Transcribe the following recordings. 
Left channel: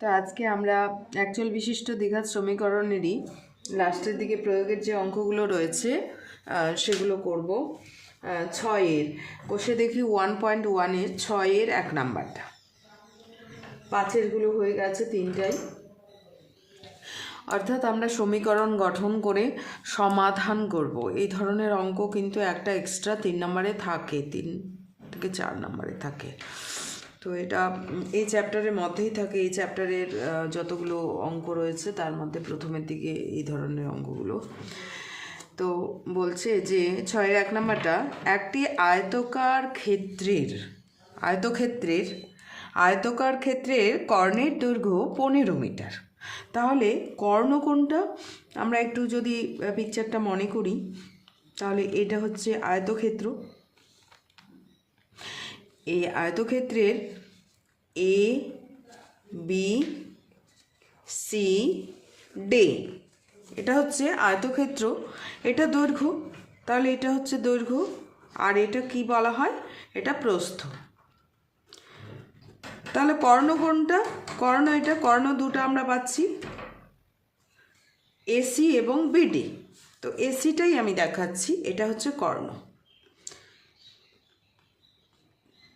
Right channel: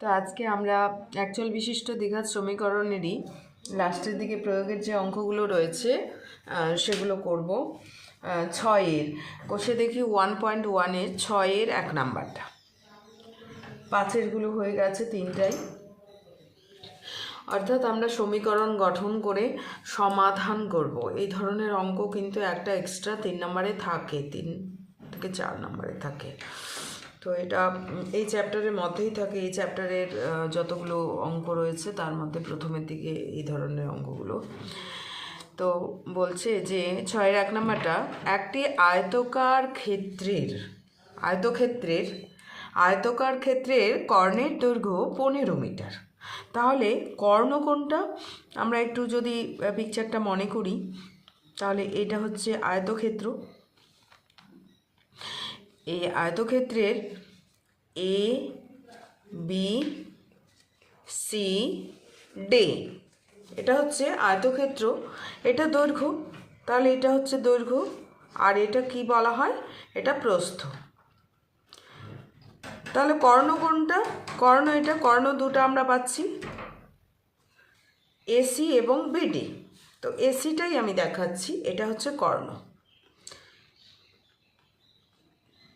তো আজকে আমরা অ্যাকচুয়াল বিশিষ্ট দ্বিঘাত সমীকরণেরই লাস্টের দিকে প্রয়োগের যে অঙ্কগুলো রয়েছে সেগুলো করব। 6-এর কষে দেখি 1.1-এর 6-এর 1 নাম্বারটা, 5-এরগুলো হয়ে গেছে 3টাই। অর্থাৎ আমরা সমীকরণ গঠন করে সমাধান করব। এই ধরনের অঙ্ক কিন্তু একটা এক্সট্রা 3 নম্বরে থাকে, 3 থেকে 4 নম্বরে থাকে। তো এটা এই চ্যাপ্টারের মধ্যেই থাকে। এই চ্যাপ্টারের যতগুলো অঙ্ক রয়েছে তার মধ্যে প্রথমের দিকে এই ধরনের অঙ্কগুলো। তো বলছে যে 6-এর 1 নাম্বারটা, একটি আয়তকার ক্ষেত্রের কর্ণের দৈর্ঘ্য 15 মিটার। তাহলে কর্ণ কোনটা আমরা একটু যদি পিকচারটা মনে করি, তাহলে এটা হচ্ছে আয়তক্ষেত্র। এই আয়তক্ষেত্রের এ বি সি ডি, এটা হচ্ছে আয়তক্ষেত্র, এটা দৈর্ঘ্য। তাহলে এটা হচ্ছে দৈর্ঘ্য, আর এটা কি বলা হয়, এটা প্রস্থ। তাহলে কর্ণ কোনটা, কর্ণ এটা, কর্ণ দুটো আমরা পাচ্ছি, এসি এবং বিডি। তো এসিটাই আমি দেখাচ্ছি, এটা হচ্ছে কর্ণ।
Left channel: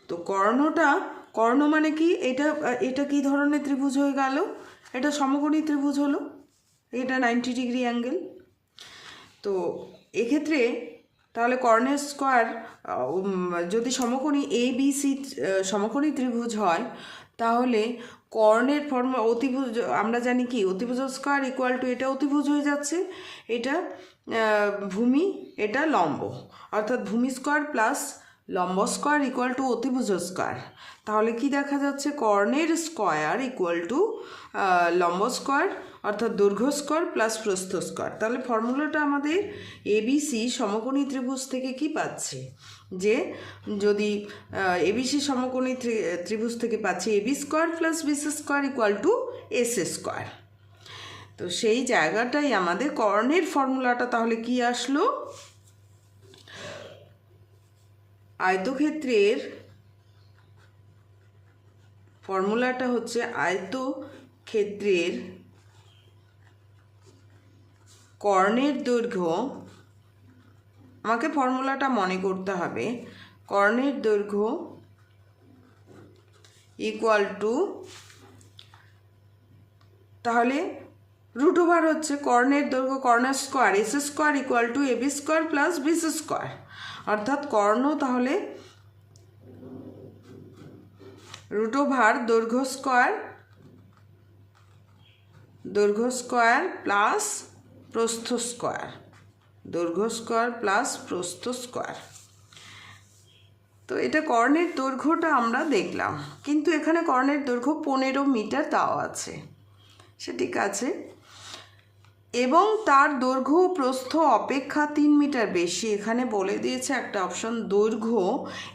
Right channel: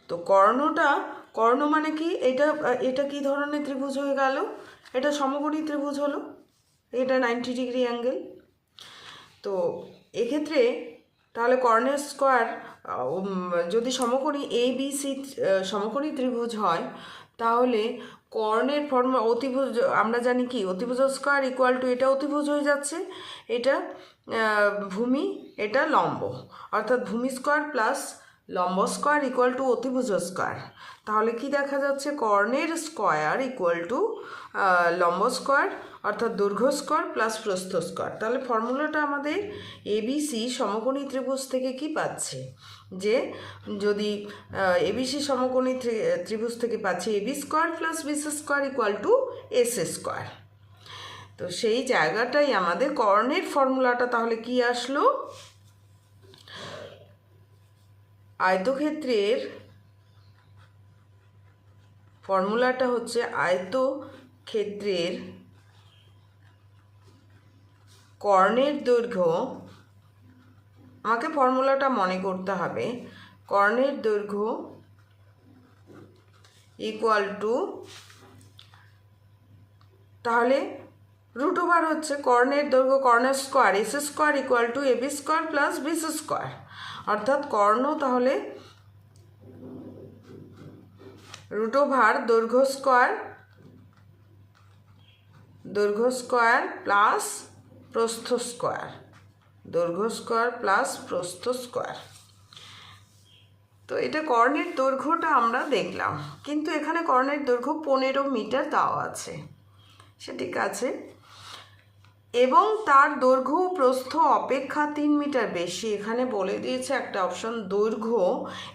তো কর্ণ মানে কি, এটা কি ধরনের ত্রিভুজ হয়ে গেল, এটা সমকোণী ত্রিভুজ হলো, এটা 90 ডিগ্রি অ্যাঙ্গেল। তো এক্ষেত্রে তাহলে কর্ণের স্কোয়ার, যদি সমকোণী এ বি সি সমকোণী ত্রিভুজ হয়, তাহলে কর্ণের ফর্মুলা অতিভুজ আমরা জানি কি, অতিভুজ স্কোয়ার ইকুয়াল টু, এটা অতিভুজ হয়ে যাচ্ছে, এটা ভূমি, এটা লম্ব, অর্থাৎ ভূমি স্কোয়ার প্লাস লম্ব স্কোয়ার ইকুয়াল টু অতিভুজ স্কোয়ার। তাহলে কি দেখা যাচ্ছে, কর্ণের স্কোয়ার ইকুয়াল টু লম্ব স্কোয়ার, অর্থাৎ দৈর্ঘ্য স্কোয়ার প্লাস প্রস্থ স্কোয়ার। তাহলে ফর্মুলাটা আমাদের এবিসি সমকোণী ত্রিভুজ থেকে কি পাচ্ছে, যে যদি এবিসি সমকোণী ত্রিভুজ থেকে পাচ্ছি AB square plus BC square equal to AC square. তো সেই জায়গাটাই আমাদের কর্ণের ফর্মুলাটা তাহলে কি আসলো, আয়তক্ষেত্রের ফর্মুলাটা হচ্ছে আয়তক্ষেত্রের কর্ণের দৈর্ঘ্য, আমাকে ফর্মুলাটা মনে করতে হবে, কর্ণের দৈর্ঘ্য ইকুয়াল টু, তাহলে রুট ওভার হচ্ছে কর্ণের দৈর্ঘ্য, কর্ণের square AC square equal to AB square plus BC square. অর্থাৎ কর্ণ তাহলে রুট ওভার দৈর্ঘ্য স্কোয়ার প্লাস প্রস্থ স্কোয়ার, দৈর্ঘ্য স্কোয়ার প্লাস প্রস্থ স্কোয়ার। তো এটা কর্ণের দৈর্ঘ্যটা আমরা দেখলাম, কিন্তু এখানে কর্ণের দৈর্ঘ্য 15 মিটার দেওয়া আছে, সে ঠিক আছে, এবং তার দৈর্ঘ্য প্রস্থ অপেক্ষা 3 মিটার বেশি। এখানে বলে দিয়েছে একটা অপশন, দৈর্ঘ্য,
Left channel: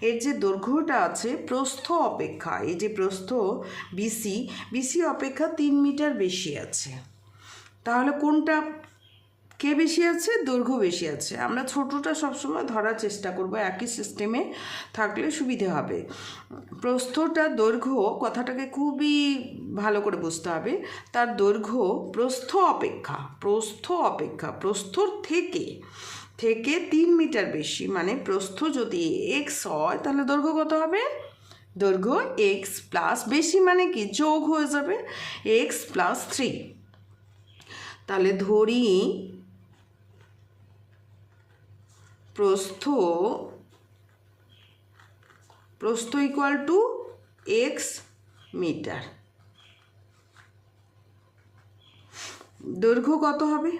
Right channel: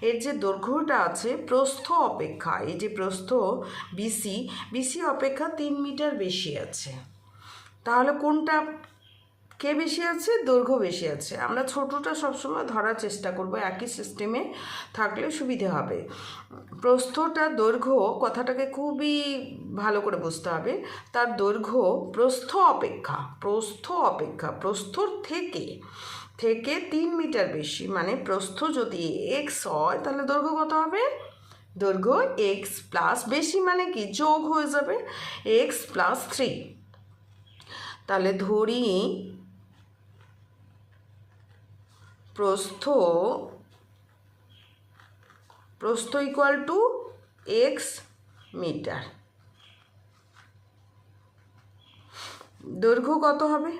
এর যে দৈর্ঘ্যটা আছে প্রস্থ অপেক্ষা, এই যে প্রস্থ বিসি অপেক্ষা 3 মিটার বেশি আছে। তাহলে কোনটা কে বেশি আছে, দৈর্ঘ্য বেশি আছে। আমরা ছোটটা সবসময় ধরার চেষ্টা করব, একই সিস্টেমে থাকলে সুবিধে হবে। প্রস্থটা দৈর্ঘ্য কথাটাকে খুবই ভালো করে বুঝতে হবে, তার দৈর্ঘ্য প্রস্থর থেকে 3 মিটার বেশি, মানে প্রস্থ যদি এক্স হয় তাহলে দৈর্ঘ্য কত হবে, দৈর্ঘ্য এক্স প্লাস, বেশি মানে কি যোগ হয়ে যাবে, এক্স প্লাস 3। তাহলে ধরি প্রস্থ ইকুয়াল টু এক্স মিটার, দৈর্ঘ্য কত হবে,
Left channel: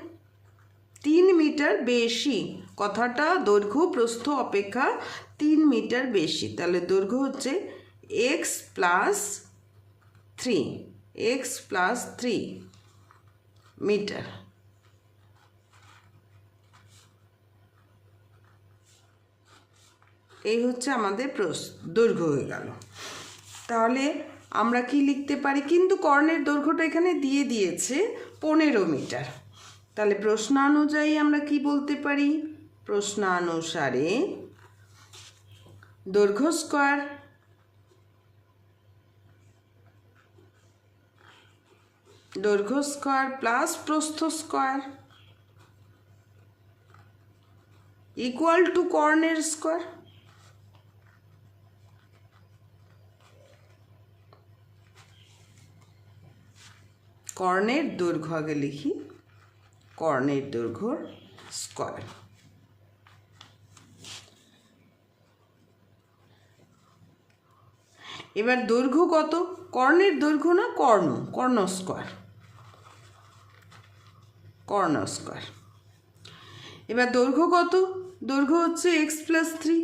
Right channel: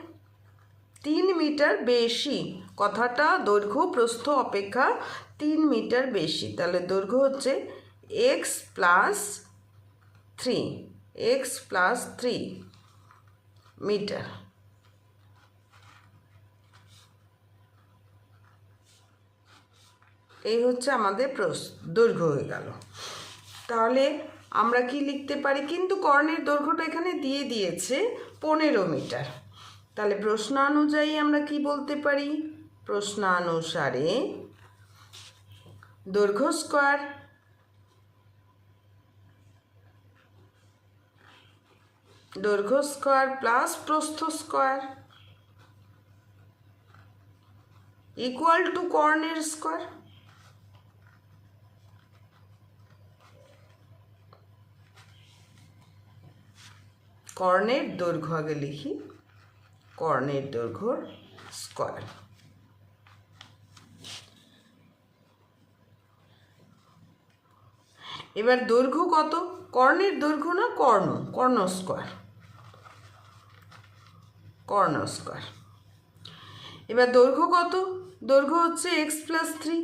3 মিটার বেশি, কথাটা দৈর্ঘ্য প্রস্থ অপেক্ষা 3 মিটার বেশি। তাহলে দৈর্ঘ্য হচ্ছে এক্স প্লাস 3 মিটার। এই হচ্ছে আমাদের দৈর্ঘ্য হয়ে গেল। তাহলে আমরা কি লিখতে পারি, কিন্তু কর্ণের দৈর্ঘ্যটা এখানে দিয়ে দিয়েছে 15 মিটার। তাহলে প্রশ্নানুযায়ী আমরা কি বলতে পারি, প্রশ্নানুসারে দৈর্ঘ্য স্কোয়ার দৈর্ঘ্য স্কোয়ার প্লাস প্রস্থ স্কোয়ার ইকুয়াল টু কর্ণের স্কোয়ার। কর্ণের দৈর্ঘ্য আগে লিখি, কর্ণের দৈর্ঘ্যর স্কোয়ার। এবার দৈর্ঘ্য কত? কর্ণের দৈর্ঘ্য না কর্ণ, কর্ণ স্কোয়ার, কর্ণ স্কোয়ার। এবার দৈর্ঘ্য কত? দৈর্ঘ্য হচ্ছে x plus three,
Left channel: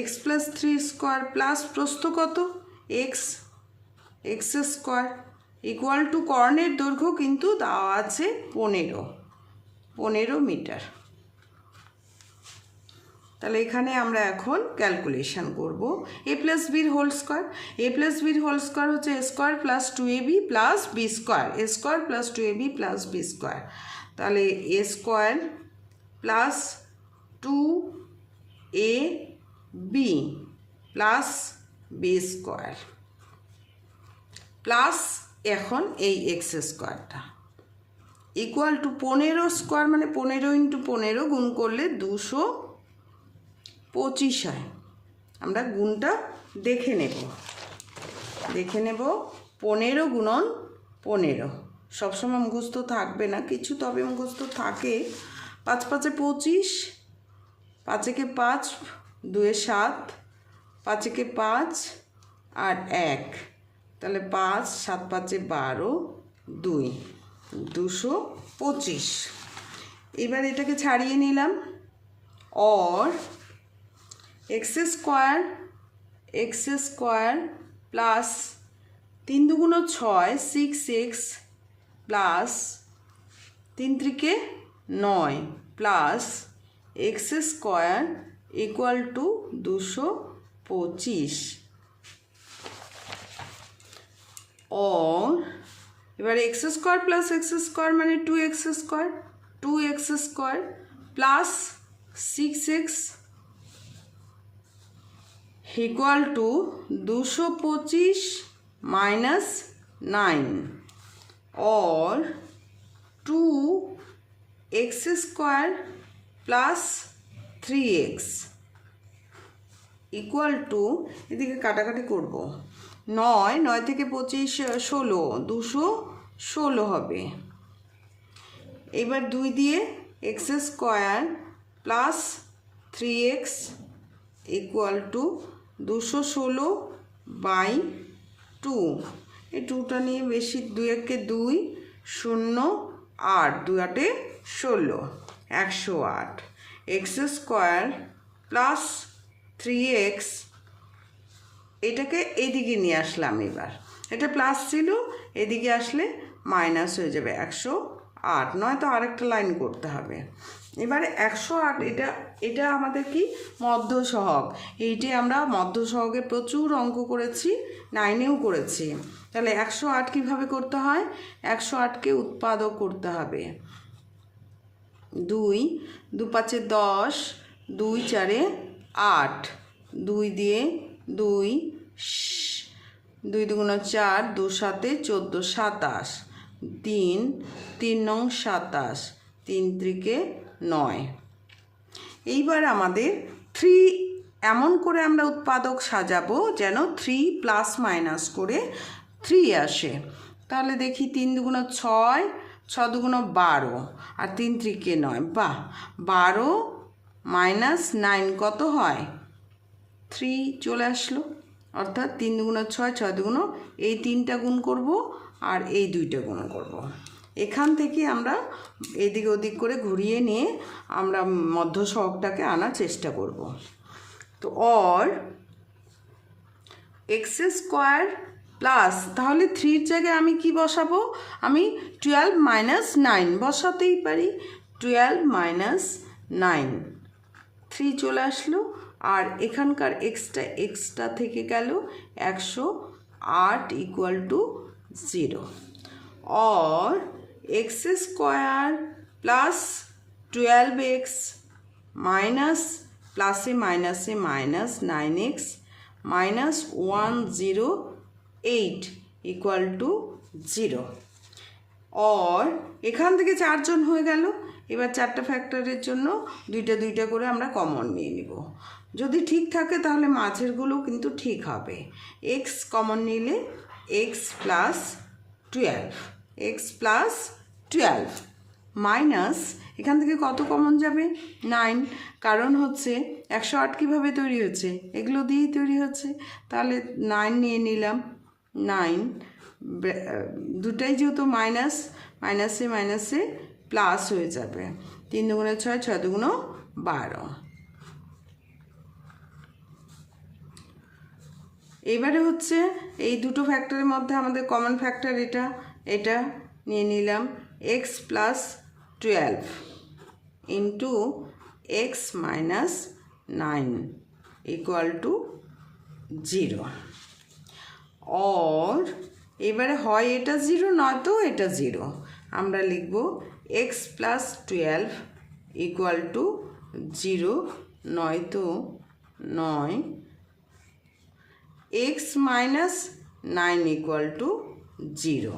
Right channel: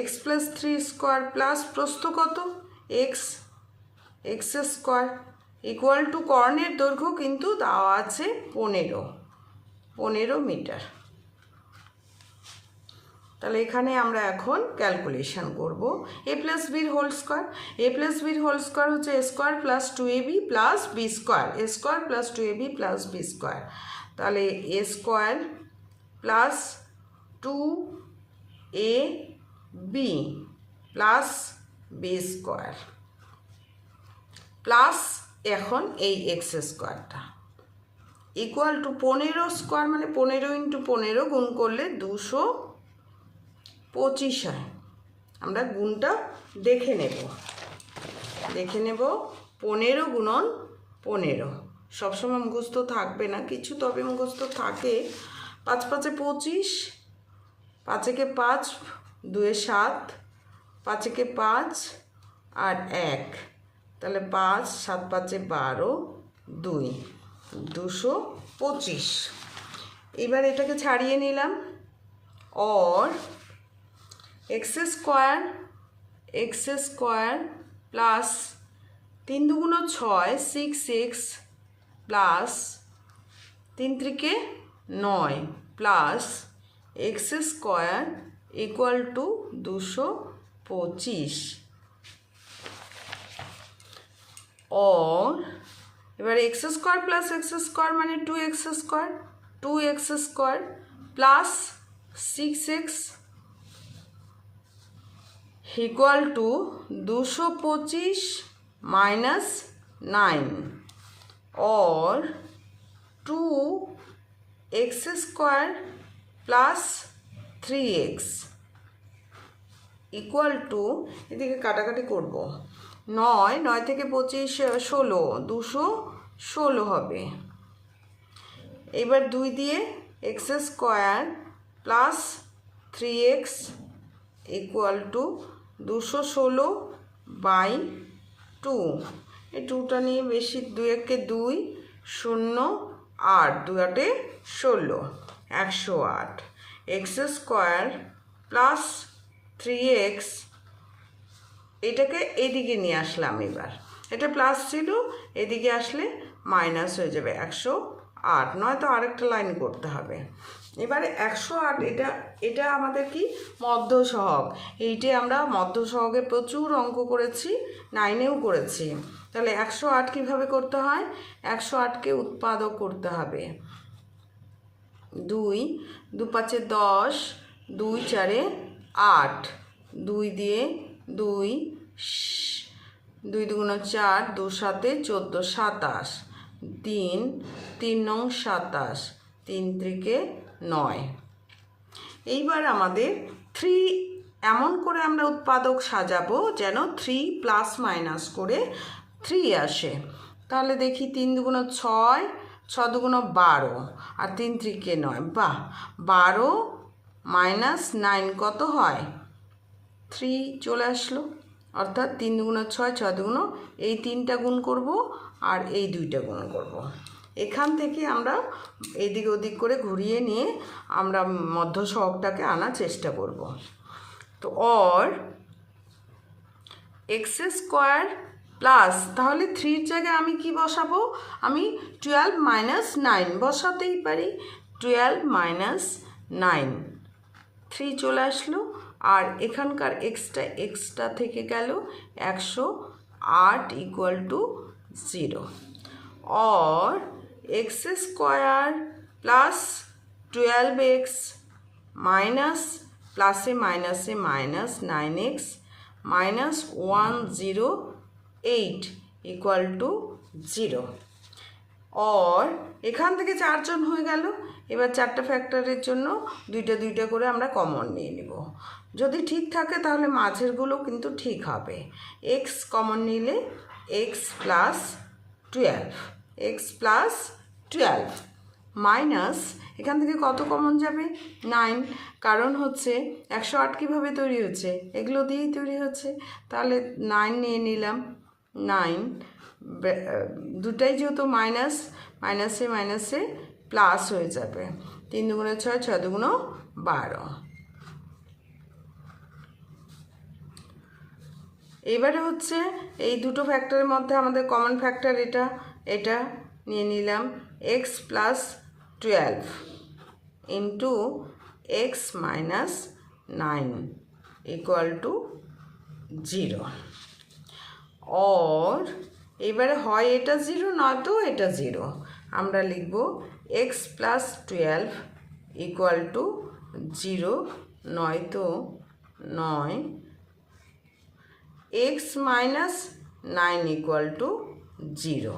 x plus three square plus প্রস্থ কত? X, x square equal two কর্ণের দৈর্ঘ্য কিন্তু দেওয়া আছে 15 মিটার। তাহলে এখানে আমরা এখন ক্যালকুলেশন করব a plus b whole square. A plus b whole square হচ্ছে a square plus 2ab plus b square, a square plus 2ab plus b square. তাহলে a square plus 2ab plus b square plus এখন এই x স্কোয়ারটা equal to 15 square, মানে 15 into 15 গুণ করলে 225 হয়। আমরা গুণটা দেখে নেব, 15 গুণন 15 সবসময় মুখস্থ থাকবে না কিছু, তবে মুখস্থ থাকে। 5 5 25, 5 একে 5, 2 এ 7, 5 একে 5 আর 1, তাহলে 5 7 5 এ 12, 2 225। এবার এটাকে ছাড়িয়ে নিলাম। और x square plus 3 2 6 6x plus 3 3 9 plus x square equal to 225। और এবার x square plus x square माने 2x square plus 6x equal to 225 minus 9 और 2x square plus 3x equal to এদিকে কাটাকাটি করব 9 9 থেকে 25 16 216 হবে। এবার 2 দিয়ে x square plus 3x equal to 216 by 2। এই 2টা নিয়ে বেশি, 2 একে 2 0 8 2 8 16 108 এক্স স্কোয়ার প্লাস 3x এটাকে এদিকে নিয়ে আসলাম। এবার এটা প্লাস ছিল, এদিকে আসলে মাইনাস হয়ে যাবে 108, নয়তো আরেকটা লাইন করতে হবে। এবারে 108 এটা আমাদের কি মধ্য সহগ, এইটে আমরা মধ্য সহগে প্রচুর অঙ্ক করেছি, 9এও করেছি। তাহলে 108 কীভাবে করতে হয়? 108কে উৎপাদক করতে হবে। 2 2 5 10 2 4 8 2 দিয়ে 2 2 2 4 2 7 14 27 3 3 9 27 3 3 9। এইবার আমাদের 3 এমন করে আমরা উৎপাদক সাজাবো যেন 3 প্লাস মাইনাস করে 3 আসে। তাহলে দেখি 3 2 6 6 2 12 আর 3 3 9, বাহ 12 মাইনাস 9 কত হয়? 3 চলে আসলো। অর্থাৎ 3 2 6 6 2 এই 3টা গুণ করব আর এই 2টা গুণ করব। এখান থেকে আমরা এদিক ওদিক করে ঘুরিয়ে নিয়ে আমরা মধ্য সহগটাকে আনার চেষ্টা করব। তো और এক্স স্কোয়ার প্লাস, তাহলে 3 জায়গায় আমি কি বসাবো? আমি 12 মাইনাস 9 বসাতেই পারি। 12 মাইনাস 9 3 চলে আসলো। আর এখানকার এক্সটা থেকে গেল 108 ইকুয়াল টু 0। और x square plus 12x minus plus से minus 9x minus 108 equal to 0 और এখান থেকে 4 জন হয়ে গেল। এবার 4টা ফ্যাক্টরের জন্য দুইটা করে আমরা কমন নিয়ে নিব। যদি ঠিক থাকে তাহলে মাঝেরগুলো কিন্তু ঠিক হবে। x কমন নিলে x প্লাস 12 মাইনাস এখান থেকে কত কমন যাবে 9, কারণ হচ্ছে 108 কীভাবে তৈরি হচ্ছে, এগুলো দিয়েই তৈরি হচ্ছে। তাহলে 9 নিয়ে নিলাম, 9 দুটাই যেহেতু মাইনাসে প্লাস হয়ে যাবে। 3 দুগুণে 6, 6 দুগুণ 12। এবারে হচ্ছে এই দুটো ফ্যাক্টরের মধ্যে আমাদের কমন ফ্যাক্টর এটা নিয়ে নিলাম, x plus 12 into x minus 9 equal to 0। और এবারে হয় এটা 0 নয়তো এটা 0। আমরা লিখব x প্লাস 12 ইকুয়াল টু 0 নয়তো 9, x মাইনাস 9 ইকুয়াল টু 0।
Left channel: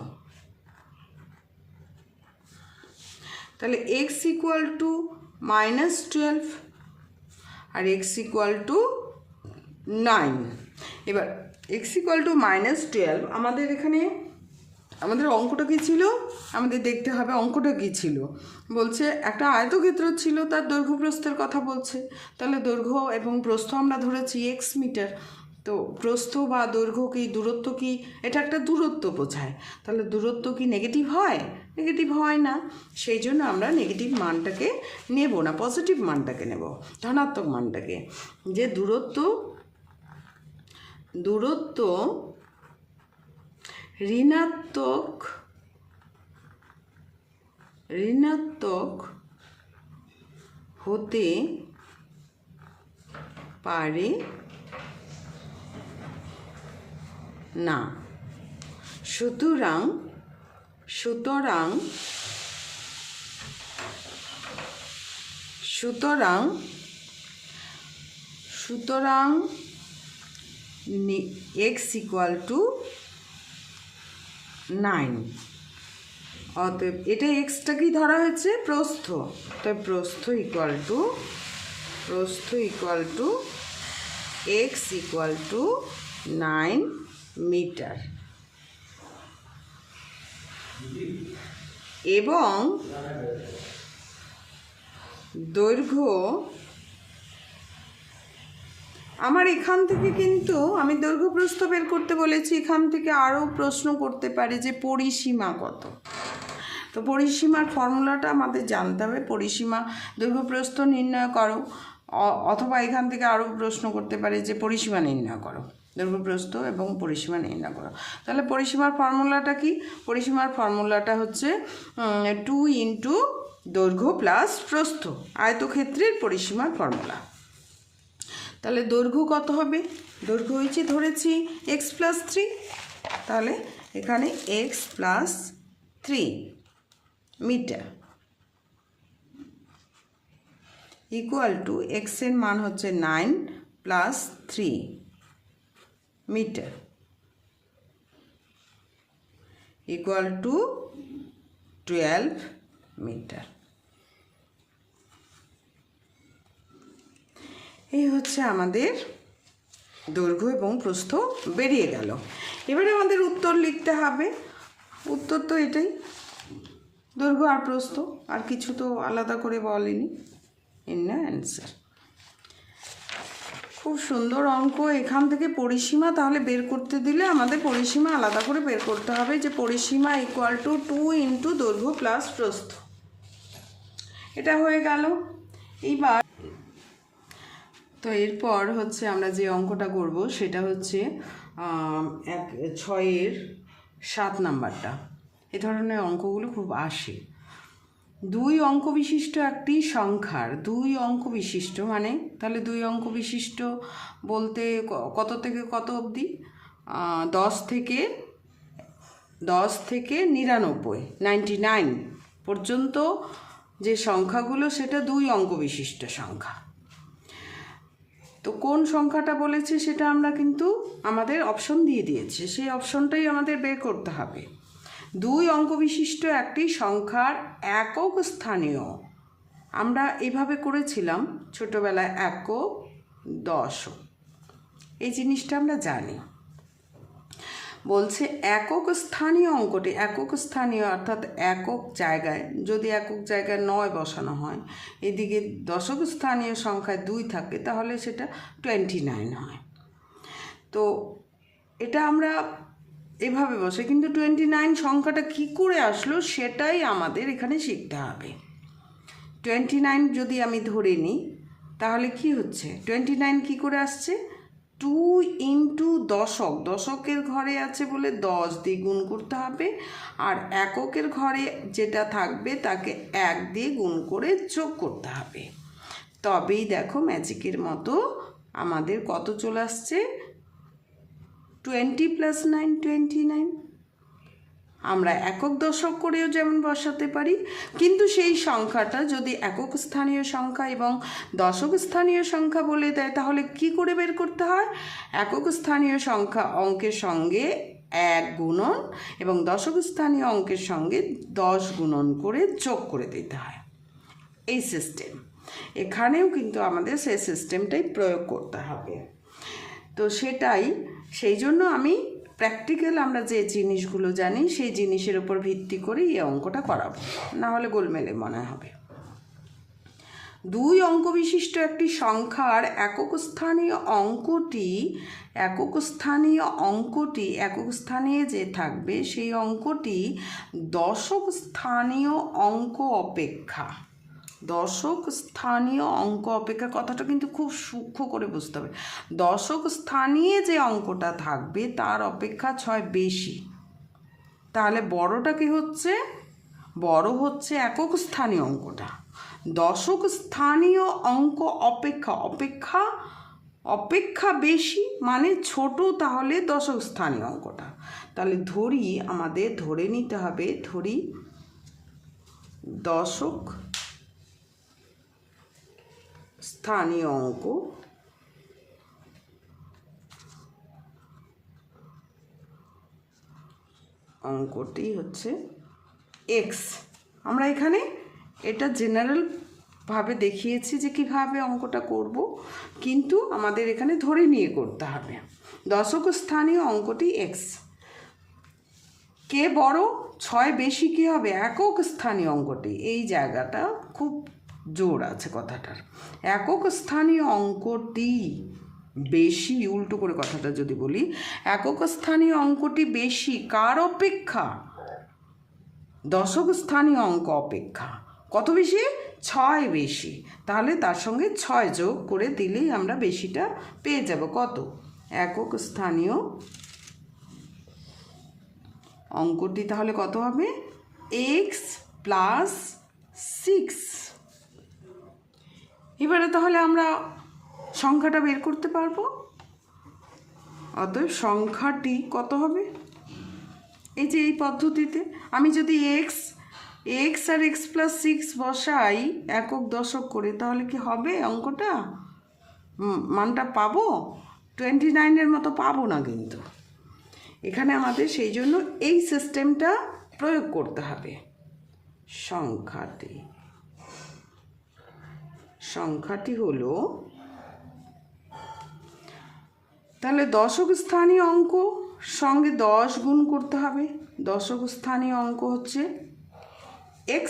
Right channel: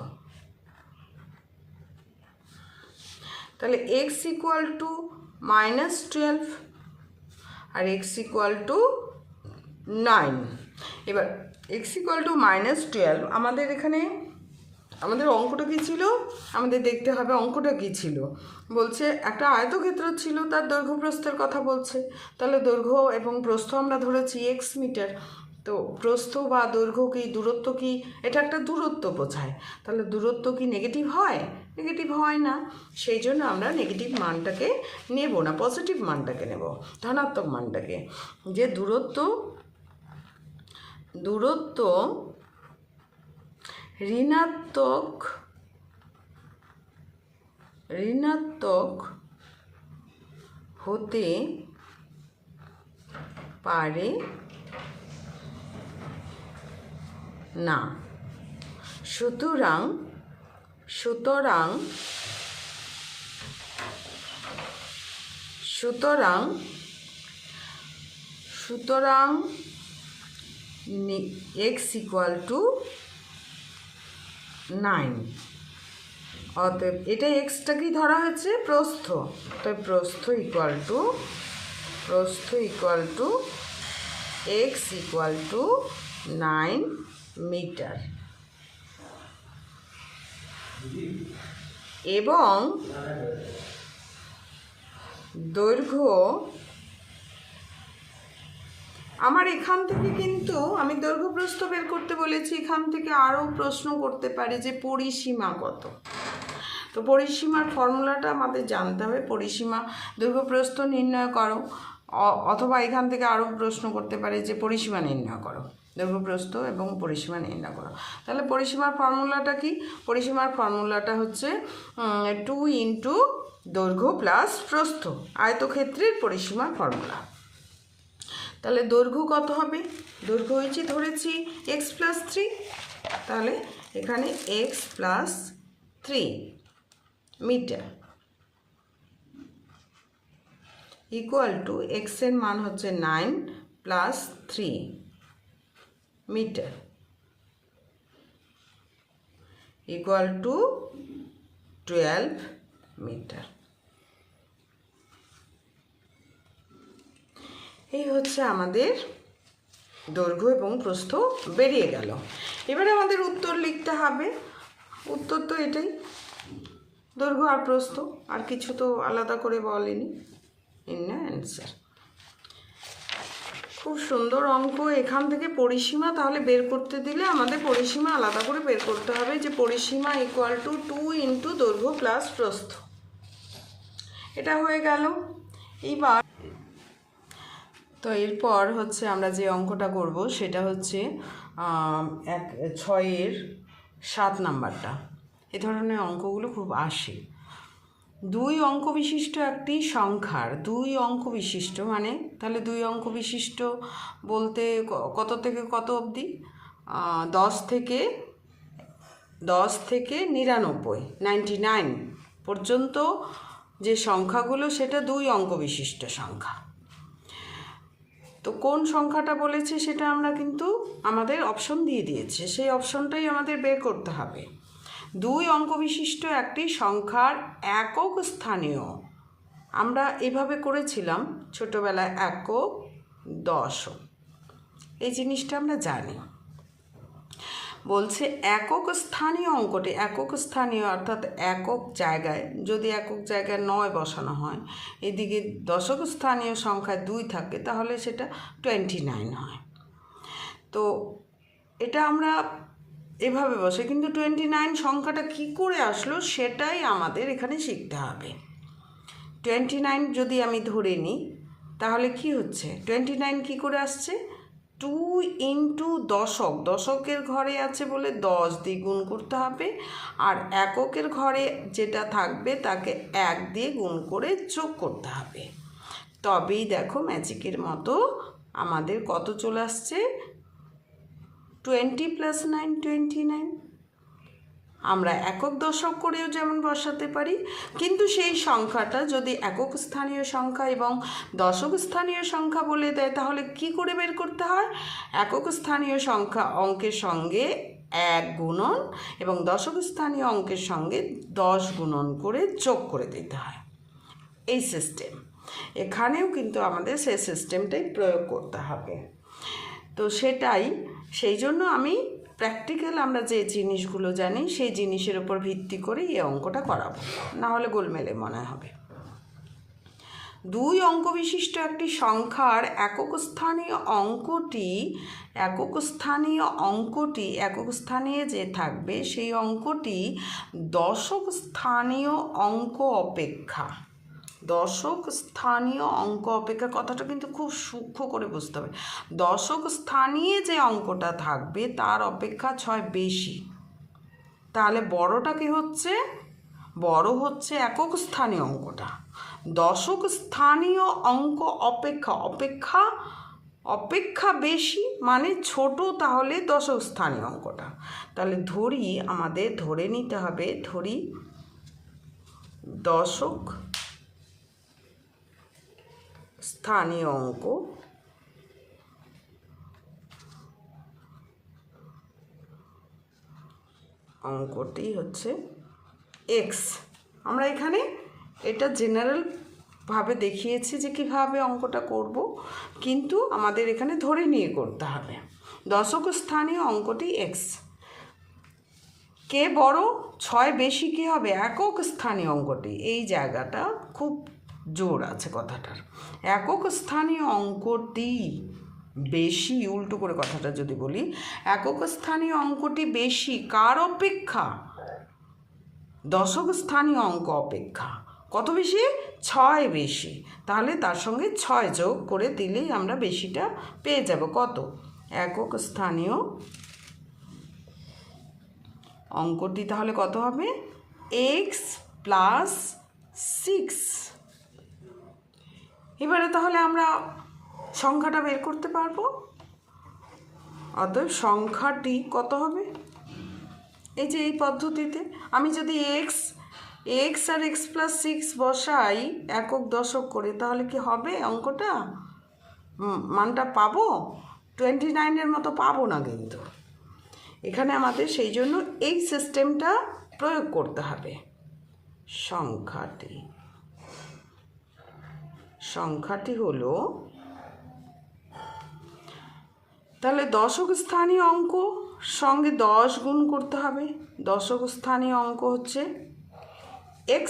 তাহলে x ইকুয়াল টু মাইনাস 12 আর x ইকুয়াল টু 9। এবার x ইকুয়াল টু মাইনাস 12 আমাদের এখানে আমাদের অঙ্কটা কী ছিল, আমাদের দেখতে হবে অঙ্কটা কী ছিল। বলছে একটা আয়তক্ষেত্র ছিল, তার দৈর্ঘ্য প্রস্থের কথা বলছে। তাহলে দৈর্ঘ্য এবং প্রস্থ আমরা ধরেছি x মিটার। তো প্রস্থ বা দৈর্ঘ্য কি, দূরত্ব কি, এটা একটা দূরত্ব বোঝায়। তাহলে দূরত্ব কি নেগেটিভ হয়? নেগেটিভ হয় না। সেই জন্য আমরা নেগেটিভ মানটাকে নেব না, পজিটিভ মানটাকে নেব, ধনাত্মক মানটাকে। যে দূরত্ব ঋণাত্মক হতে পারে না। সুতরাং x ইকুয়াল টু 9। অতএব এটা এক্সটা কি ধরা হয়েছে, প্রস্থ। তাই প্রস্থ equal to x equal to 9 metre. এবং দৈর্ঘ্য আমার এখান থেকে কিন্তু আমি দৈর্ঘ্য প্রস্থ বের করতে বলেছি। এখান থেকে আরও প্রশ্ন করতে পারে যে পরিসীমা কত। তো পরিসীমার ফর্মুলাটা আমাদের জানতে হবে। পরিসীমা দৈর্ঘ্য প্রস্থ নির্ণয় করো, অথবা এখান থেকে আরও প্রশ্ন করতে পারে যে পরিসীমা নির্ণয় করো, দৈর্ঘ্য প্রস্থ এবং পরিসীমা নির্ণয় করো। তাহলে পরিসীমার ফর্মুলাটা কি? পরিসীমার ফর্মুলাটা হচ্ছে 2 ইন্টু দৈর্ঘ্য প্লাস প্রস্থ, আয়তক্ষেত্রের পরিসীমার ফর্মুলা। তাহলে দৈর্ঘ্য কত হবে? দৈর্ঘ্য হয়েছে ধরেছি x প্লাস 3, তাহলে এখানে x plus 3 metre equal to x এর মান হচ্ছে 9 plus 3 metre equal to 12 metre. এই হচ্ছে আমাদের দৈর্ঘ্য এবং প্রস্থ বেরিয়ে গেল। এবারে আমাদের উত্তর লিখতে হবে। উত্তর তো এটাই, দৈর্ঘ্য আর প্রস্থ, আর কিছু তো আলাদা করে বলেনি। In the answer. খুব সুন্দর অঙ্ক। এখান থেকে পরিসীমা তাহলে বের করতে দিলে আমাদের পরিসীমা আলাদা করে বের করতে হবে, যে পরিসীমা ইকুয়াল টু 2 ইন্টু দৈর্ঘ্য প্লাস প্রস্থ। এটা হয়ে গেল। এইবার তো এরপর হচ্ছে আমরা যে অঙ্কটা করব সেটা হচ্ছে 6-এর 7 নাম্বারটা। এ ধরনের অঙ্কগুলো খুব আসে। 2 অঙ্ক বিশিষ্ট একটি সংখ্যার 2 অঙ্ক বিশিষ্ট, মানে তাহলে 2 অঙ্ক বিশিষ্ট বলতে কত থেকে কত অবধি? 10 থেকে 99 পর্যন্ত যে সংখ্যাগুলো সেটা 2 অঙ্ক বিশিষ্ট সংখ্যা। তো কোন সংখ্যাটা বলেছে সেটা আমরা কিন্তু আমাদের অপশন দিয়ে দিয়েছে, সেই অপশনটাই আমাদের বের করতে হবে। 2 অঙ্ক বিশিষ্ট একটি সংখ্যার একক স্থানীয়, আমরা এভাবে করেছিলাম ছোটোবেলায়, একক, দশক, এই জিনিসটা আমরা জানি। বলছে একক স্থানীয় অঙ্কটি, একক স্থানীয় অর্থাৎ একক জায়গায়, যদি একক জায়গায় 9 বসানো হয়, এদিকে দশক স্থানীয় সংখ্যায় 2 থাকে, তাহলে সেটা 29 হয়। তো এটা আমরা এভাবে বসে, কিন্তু 29 সংখ্যাটা কী করে আসলো সেটাই আমাদের এখানে শিখতে হবে। 29 যদি আমি ধরে নিই তাহলে কি হচ্ছে, 29 কী করে আসছে, 2 ইন্টু দশক, দশকের ঘরে আছে বলে 10 দিয়ে গুণ করতে হবে, আর এককের ঘরে যেটা থাকবে তাকে 1 দিয়ে গুণ করে যোগ করতে হবে। তবেই দেখো ম্যাজিকের মতো আমাদের কত চলে আসছে, 20 + 9 29। আমরা একক দশক করেও যেমন বসাতে পারি, কিন্তু সেই সংখ্যাটা যদি একক স্থানীয় সংখ্যা এবং দশক স্থানীয় সংখ্যা বলে দেয় তাহলে কি করে বের করতে হয়, একক স্থানীয় সংখ্যা অঙ্কের সঙ্গে 1 গুণন এবং দশক স্থানীয় অঙ্কের সঙ্গে 10 গুণন করে যোগ করে দিতে হয়। এই সিস্টেম এখানেও কিন্তু আমাদের সেই সিস্টেমটাই প্রয়োগ করতে হবে। তো সেটাই, সেই জন্য আমি প্র্যাকটিক্যাল আমরা যে জিনিসগুলো জানি সেই জিনিসের উপর ভিত্তি করে এই অঙ্কটা করাবো, না হলে গোলমেলে মনে হবে। 2 অঙ্ক বিশিষ্ট একটি সংখ্যার একক স্থানীয় অঙ্কটি যে থাকবে সেই অঙ্কটি দশক স্থানীয় অঙ্ক অপেক্ষা, দশক স্থানীয় অঙ্ক অপেক্ষা, কথাটা কিন্তু খুব সূক্ষ্ম করে বুঝতে হবে। দশক স্থানীয় যে অঙ্কটা থাকবে তার অপেক্ষা 6 বেশি, তাহলে বড়টা কি হচ্ছে, বড় হচ্ছে একক স্থানীয় অঙ্কটা। দশক স্থানীয় অঙ্ক অপেক্ষা বেশি মানে ছোট, তাহলে দশক স্থানীয় অঙ্কটা। তাহলে আমাদের ধরে নিতে হবে, দশক স্থানীয় অঙ্কটি হচ্ছে এক্স। আমরা এখানে এটা জেনারেলভাবে দেখিয়েছি যে কীভাবে অঙ্কটা করব, কিন্তু আমাদের এখানে ধরে নিয়ে করতে হবে। দশক স্থানীয় অঙ্কটি এক্স, কে বড়, 6 বেশি কী হবে, একক স্থানীয় অঙ্কটি। এই জায়গাটা খুব জোর আছে কথাটার, একক স্থানীয় অঙ্কটি বেশি, উল্টো করে কথাটা যদি বলি, একক স্থানীয় অঙ্কটি বেশি কার অপেক্ষা, দশক স্থানীয় অঙ্ক অপেক্ষা। কত বেশি, 6 বেশি, তাহলে তার সঙ্গে 6 যোগ করে দিলেই আমরা বেশিটা পেয়ে যাব। কত, একক স্থানীয় অঙ্কটি তাহলে কত হবে, x + 6। এবারে তাহলে আমরা সংখ্যাটা বের করতে পারবো। অতএব সংখ্যাটি কত হবে, এই যে এই পদ্ধতিতে আমি যদি x আর x + 6 বসাই একক দশক করে, তাহলে কি হবে অঙ্কটা, মানটা পাবো, 29-এর মতো পাবো না। কিন্তু এখানে আমাদের সেই জন্য এই সিস্টেমটা প্রয়োগ করতে হবে। সংখ্যাটি হলো, তাহলে দশক স্থানীয় অঙ্ক সঙ্গে 10 গুণ করতে হবে। দশক স্থানীয় অঙ্ক হচ্ছে x,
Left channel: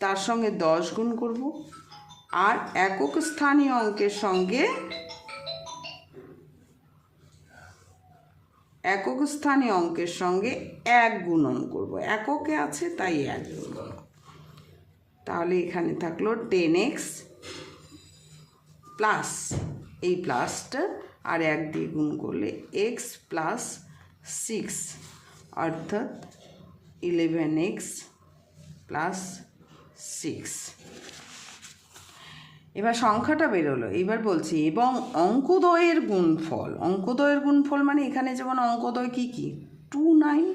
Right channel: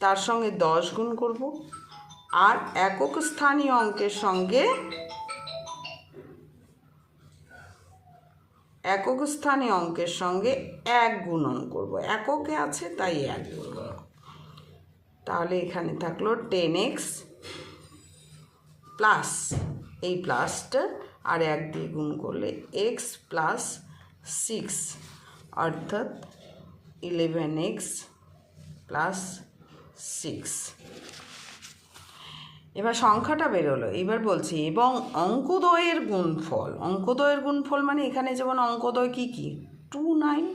তার সঙ্গে 10 গুণ করব, আর একক স্থানীয় অঙ্কের সঙ্গে 1 গুণন করব, এককে আছে তাই 1 গুণ করব। তাহলে এখানে থাকলো 10x প্লাস, এই প্লাসটা আর 1 দিয়ে গুণ করলে x + 6 অর্থাৎ 11x + 6। এবার সংখ্যাটা বেরোলো। এবার বলছি এবং অঙ্কদ্বয়ের গুণফল মানে এখানে যেমন অঙ্কদ্বয় কী 2 9,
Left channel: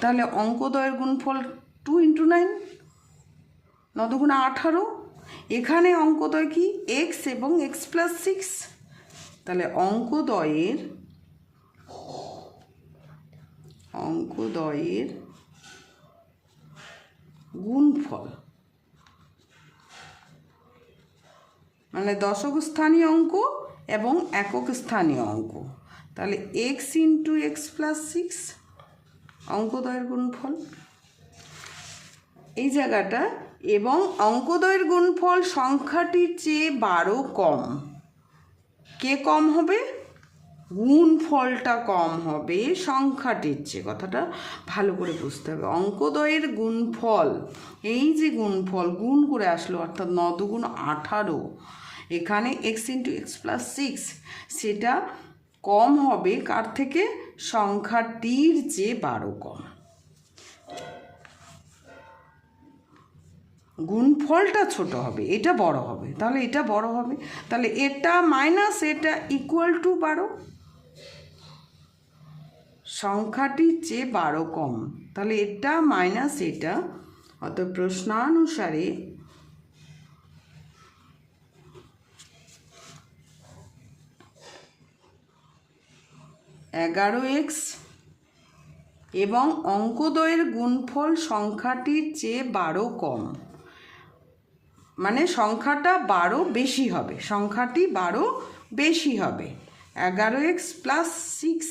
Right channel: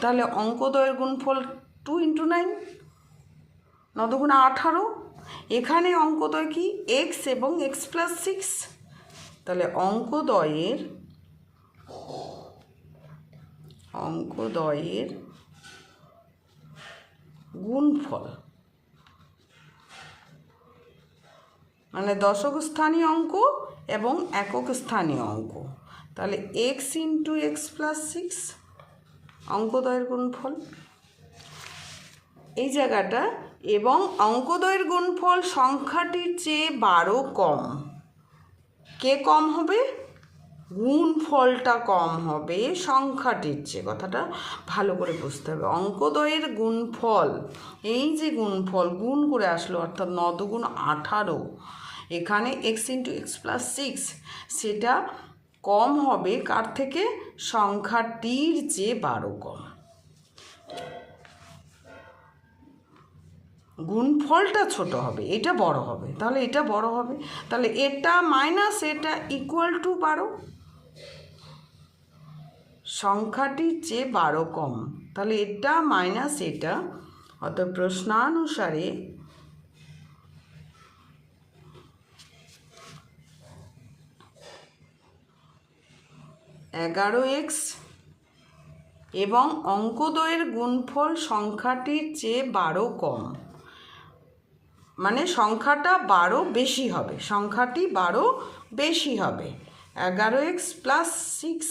তাহলে অঙ্কদ্বয়ের গুণফল 2 × 9, 9 × 18। এখানে অঙ্কদ্বয় কি, x এবং x + 6, তাহলে অঙ্কদ্বয়ের গুণফল মানে দশক স্থানীয় অঙ্ক এবং একক স্থানীয় অঙ্ক, তাহলে x ইন্টু এক্স প্লাস 6 অঙ্কদ্বয়ের গুণফল এই জায়গাটা, এবং অঙ্কদ্বয়ের গুণফল সংখ্যাটির চেয়ে 12 কম। কে কম হবে? গুণফলটা কম হবে সংখ্যাটির চেয়ে। কথাটা ভালো করে বুঝতে হবে। অঙ্কদ্বয়ের গুণফল, এই যে গুণফল গুণ করে আসলো, অর্থাৎ 9 দুগুণ 18, এখানে x ইন্টু এক্স প্লাস 6, সেটা কম হবে কার থেকে? সংখ্যাটির চেয়ে 12 কম। গুণফলটা ছোট হবে, এটা বড় হবে, তাহলে এটা বড় হবে, তাহলে এটা মাইনাস এটা ইকুয়াল টু 12, সংখ্যাটির চেয়ে 12 কম, তাহলে এটা মাইনাস এটা, অর্থাৎ প্রশ্নানুসারে x এবং অঙ্কদ্বয়ের গুণফল সংখ্যাটির চেয়ে 12 কম, মানে সংখ্যাটা 12 বেশি হবে, সংখ্যাটি 12 বেশি হবে, 11x প্লাস 6।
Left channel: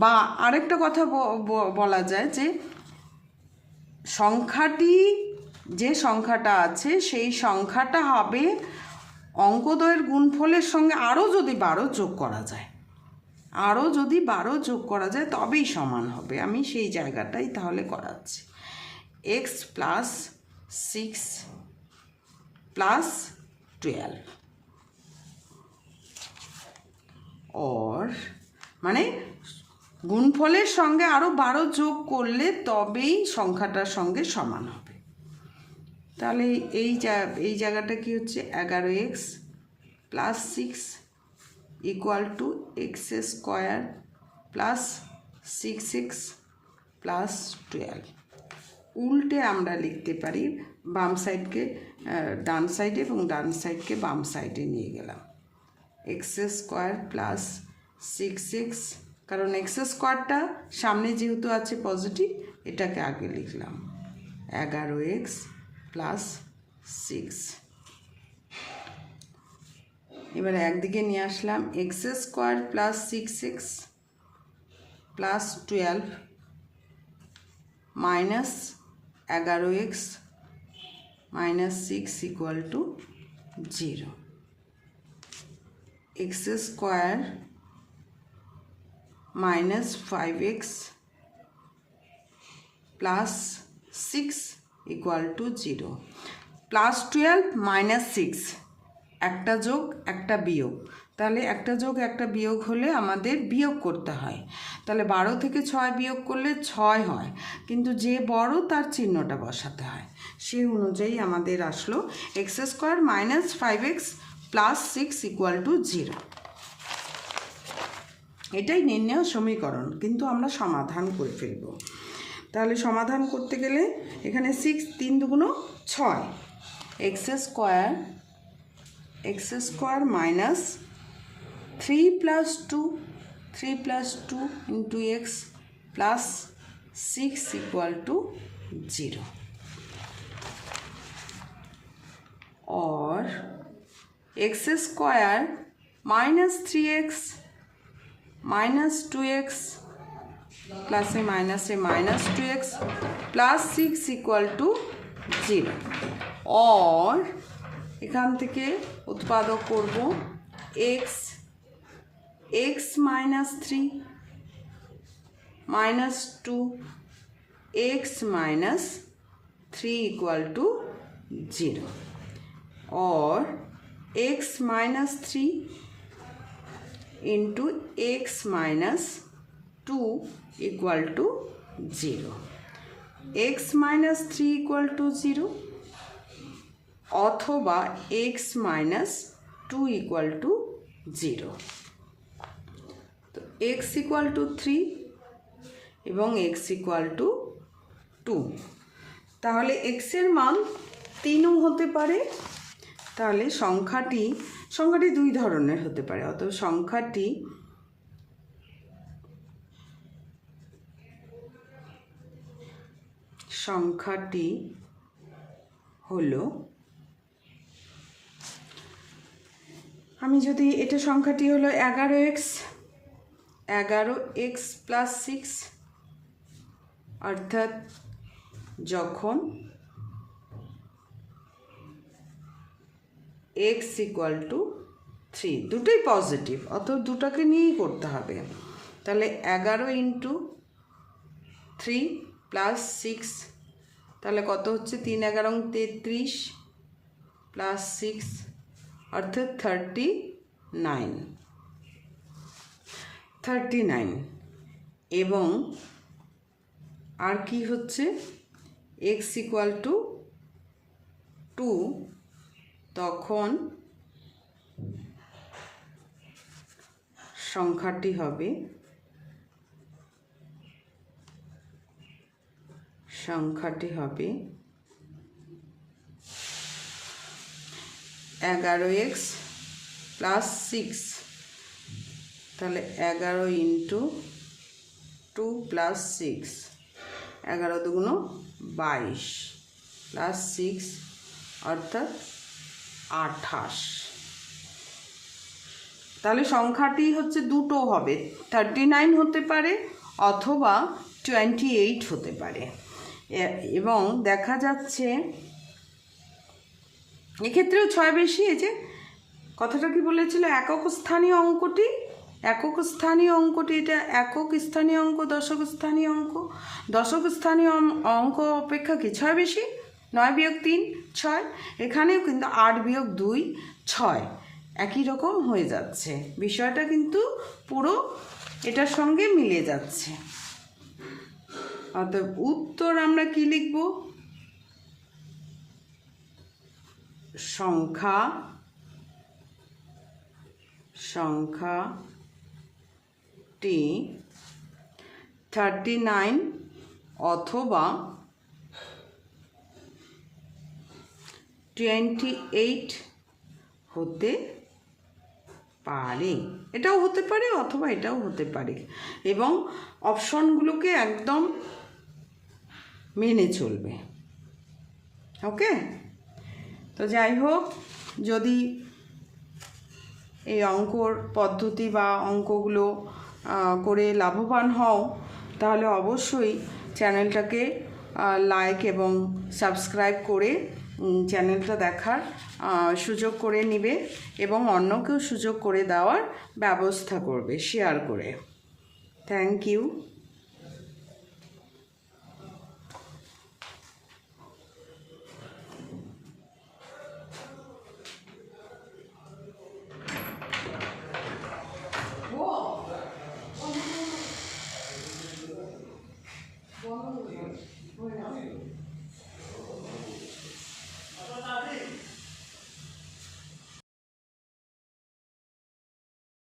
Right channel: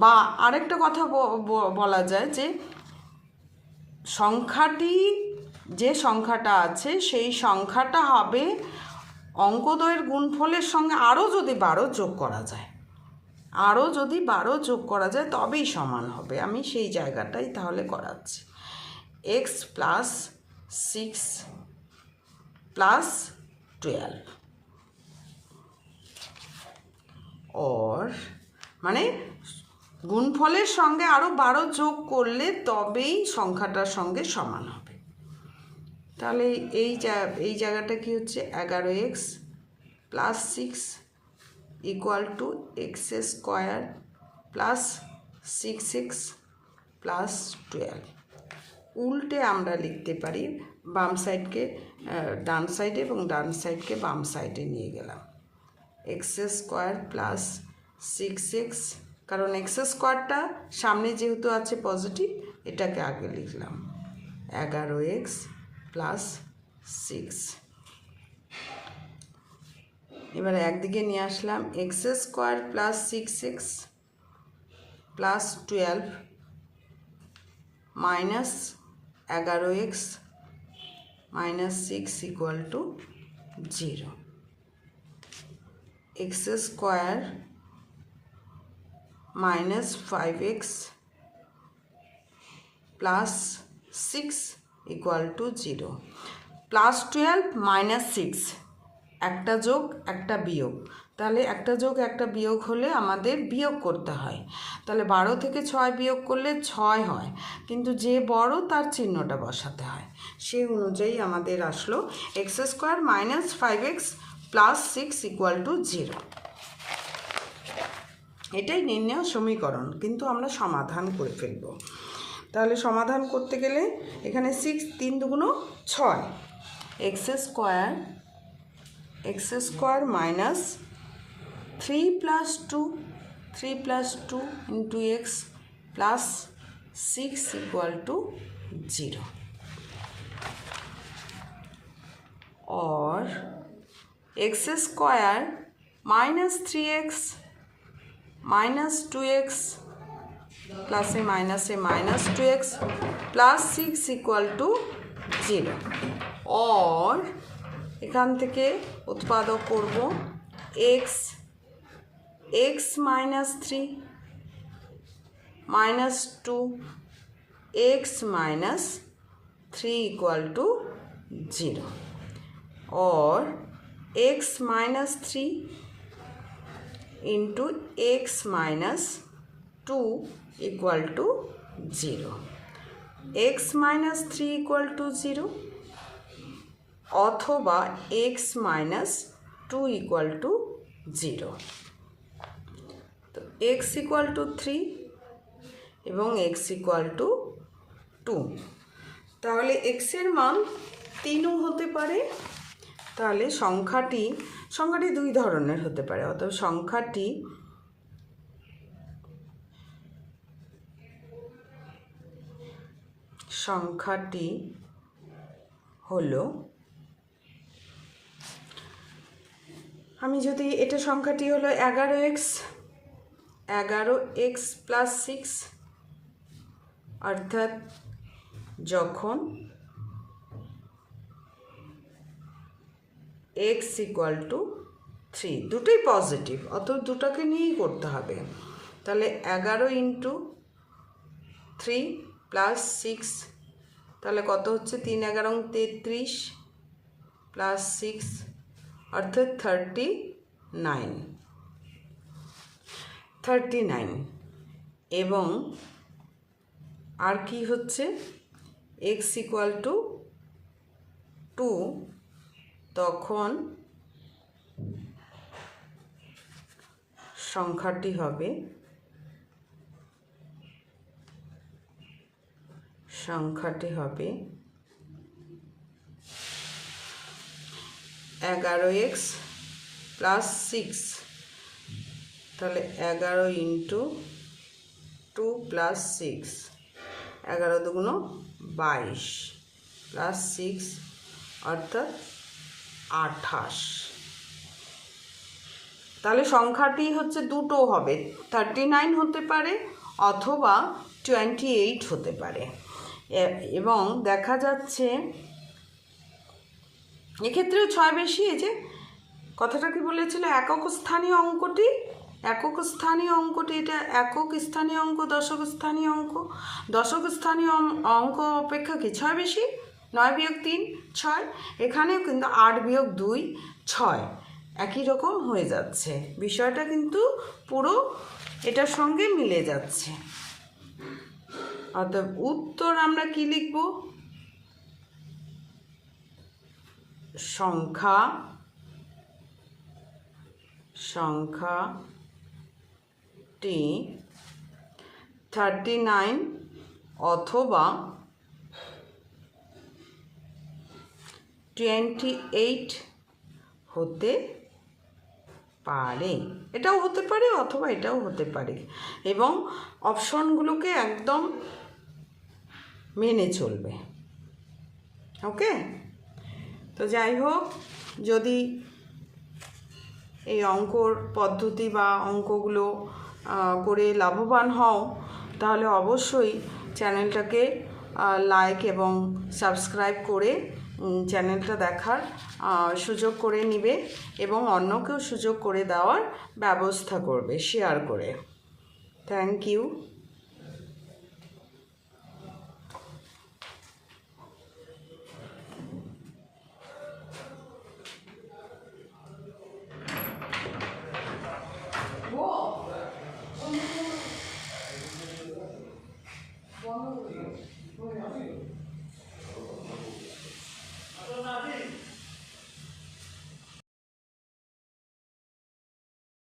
বা আরেকটা কথা বলা যায় যে সংখ্যাটি, যে সংখ্যাটা আছে সেই সংখ্যাটা হবে অঙ্কদ্বয়ের গুণফলের সঙ্গে আরও যদি 12 যোগ করা যায়, আরও যদি 12 যোগ করা যায় তবেই সমান হবে। আমি সেই জায়গাটাই তাহলে করাচ্ছি। x প্লাস 6 প্লাস 12 और মানে গুণফলের সঙ্গে আরও 12 যোগ করলে তবেই সংখ্যাটার সঙ্গে সমান হবে। তাহলে এই জায়গাটা কি হচ্ছে? 11x plus 6 equal two x square plus 6x plus 12। উল্টে আমরা লিখতে পারি, বাম সাইডকে ডান সাইডে এবং ডান সাইডকে বাম সাইডে নিয়ে গেলাম। এক্স স্কোয়ার প্লাস 6x, কারণ এক্স স্কোয়ারটা সামনে যেহেতু আছে পজিটিভ, এটাকে আগে লিখলাম 11x প্লাস 6। এবার একদিকে নিয়ে আসলাম x square plus 6x plus 12 minus 11x minus 6 equal to 0। X square minus 5x plus 6 equal to 0। Plus 12 minus 6, একটা যোগ একটা বিয়োগ, তাহলে একটা যোগ একটা বিয়োগ হলে আমাদের বিয়োগ করতে হয়। তাহলে 12 থেকে 6 বিয়োগ করলে 6 হয়, কিন্তু যে বড় তার চিহ্নটা বসাতে হয়। সেই অনুযায়ী আমাদের আসলো x square minus 5x plus 6 equal to 0। এটাই নির্ণয় সমীকরণ, কিন্তু আমরা সমাধান করে ফেলব। তাহলে সমাধান করতে গেলে এখানে 6 3 দুগুণ 6, x square minus 3 plus 2 into x plus 6 equal to 0, और x square minus 3x minus 2x plus A minus 2x plus 6 equal to 0, और এখান থেকে উৎপাদক করব x minus 3 minus 2 x minus 3 equal to 0, और x minus 3 into x minus 2 equal to 0, x minus 3 equal to 0 अथवा x minus 2 equal to 0। तो x equal to 3 एवं x equal to 2, ताहले एक्स एर मान 3 होते पारे, তাহলে সংখ্যাটি দুই ধরনের হতে পারে। অতএব সংখ্যাটি হলো, আমি যদি এটা সংখ্যাটি হলো 11x প্লাস 6, অর্থাৎ যখন x ইকুয়াল টু 3, দুটোই পজিটিভ, অত দুটোকে নিয়েই করতে হবে। তাহলে 11 ইন্টু 3 প্লাস 6, তাহলে কত হচ্ছে? 3 11 33 প্লাস 6 অর্থাৎ 39। এবং আর কি হচ্ছে? x ইকুয়াল টু 2, তখন সংখ্যাটি হবে 11x প্লাস 6, তাহলে 11 ইন্টু 2 প্লাস 6, 11 দুগুণ 22 প্লাস 6 অর্থাৎ 28। তাহলে সংখ্যাটি হচ্ছে দুটো হবে, 39 হতে পারে অথবা 28 হতে পারে। এবং দেখা যাচ্ছে এক্ষেত্রেও 6 বেশি। এই যে কথাটা কি বলেছিল, একক স্থানীয় অঙ্কটি, এটা একক স্থানীয় অঙ্ক, দশক স্থানীয় অঙ্ক। দশক স্থানীয় অঙ্ক অপেক্ষা কি 6 বেশি? 9 বিয়োগ 3 6, এখানেও কিন্তু 8 বিয়োগ 2 6, একই রকম হয়ে যাচ্ছে। বিষয়টা কিন্তু পুরো এটার সঙ্গে মিলে যাচ্ছে। অতএব উত্তর আমরা কি লিখব? সংখ্যাটি 39 অথবা 28 হতে পারে। এটাও হতে পারে অথবা এটাও হতে পারে, এবং অপশনগুলোকে একদম মেনে চলবে। ওকে, তো যাই হোক, যদি এই অঙ্কর পদ্ধতি বা অঙ্কগুলো করে লাভবান হও, তাহলে অবশ্যই চ্যানেলটাকে লাইক এবং সাবস্ক্রাইব করে চ্যানেলটা দেখার সুযোগ করে নিবে এবং অন্যকেও সুযোগ করে দেওয়ার ব্যবস্থা করবে শেয়ার করে। Thank you.